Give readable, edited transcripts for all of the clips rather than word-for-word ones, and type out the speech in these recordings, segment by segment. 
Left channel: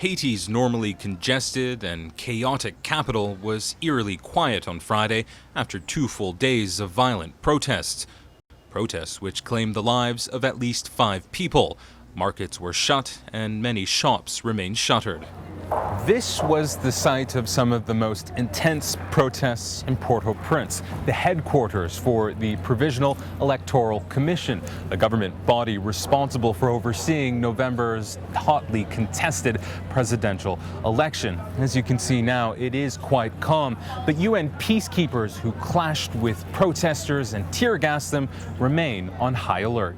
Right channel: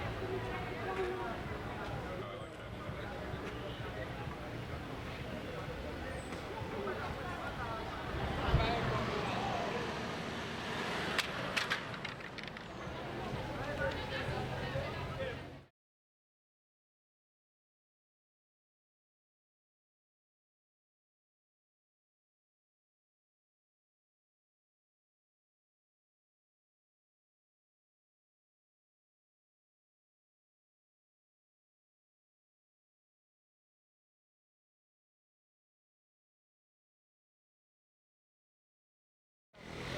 Haiti's normally congested and chaotic capital was eerily quiet on Friday after 2 full days of violent protests. Protests which claimed the lives of at least 5 people. Markets were shut and many shops remained shuttered. This was the site of some of the most intense protests in Port-au-Prince, the headquarters for the Provisional Electoral Commission, the government body responsible for overseeing November's hotly contested presidential election. As you can see now, it is quite calm, but UN peacekeepers who clashed with protesters and tear gassed them remain on high alert.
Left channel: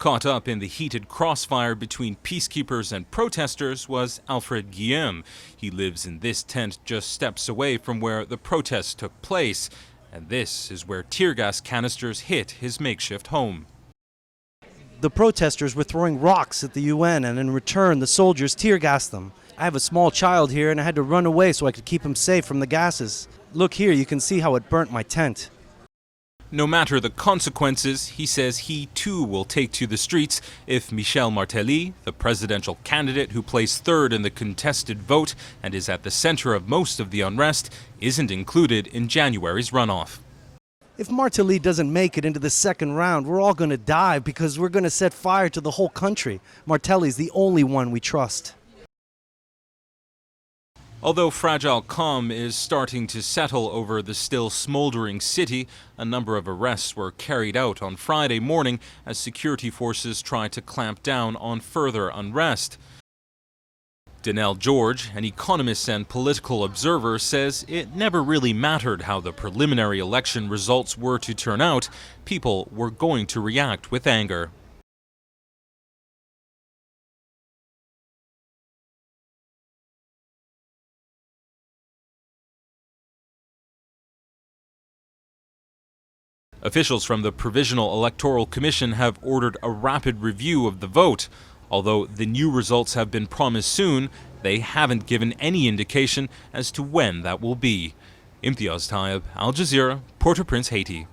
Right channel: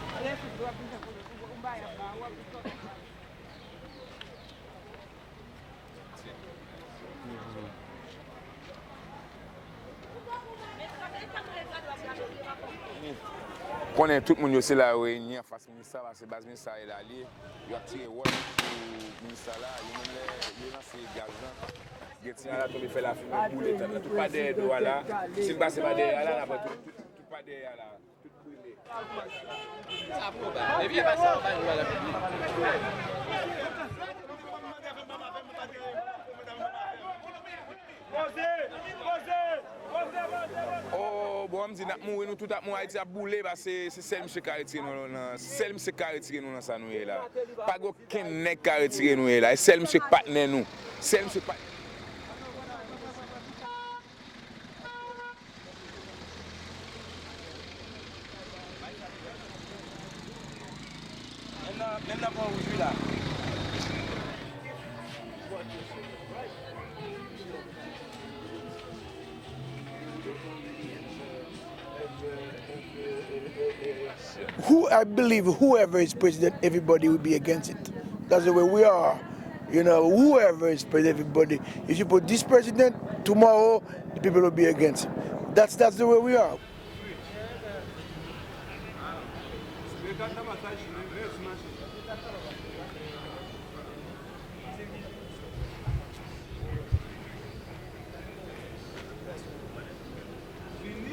Caught up in the heated crossfire between peacekeepers and protesters was Alfred Guillaume. He lives in this tent just steps away from where the protests took place. And this is where tear gas canisters hit his makeshift home. The protesters were throwing rocks at the UN, and in return the soldiers tear gassed them. I have a small child here and I had to run away so I could keep him safe from the gases. Look here, you can see how it burnt my tent. No matter the consequences, he says he too will take to the streets if Michel Martelly, the presidential candidate who placed third in the contested vote and is at the center of most of the unrest, isn't included in January's runoff. If Martelly doesn't make it into the second round, we're all going to die because we're going to set fire to the whole country. Martelly's the only one we trust. Although fragile calm is starting to settle over the still smoldering city, a number of arrests were carried out on Friday morning as security forces tried to clamp down on further unrest. Danelle George, an economist and political observer, says it never really mattered how the preliminary election results were to turn out. People were going to react with anger. I believe whoever is president, everybody will be against it. That's the way we are. You know, whoever is president, everybody. If you put this president, tomorrow the people will be against him. That's the way we are. Officials from the Provisional Electoral Commission have ordered a rapid review of the vote. Although the new results have been promised soon, they haven't given any indication as to when that will be. Imtiaz Taib, Al Jazeera, Port-au-Prince, Haiti.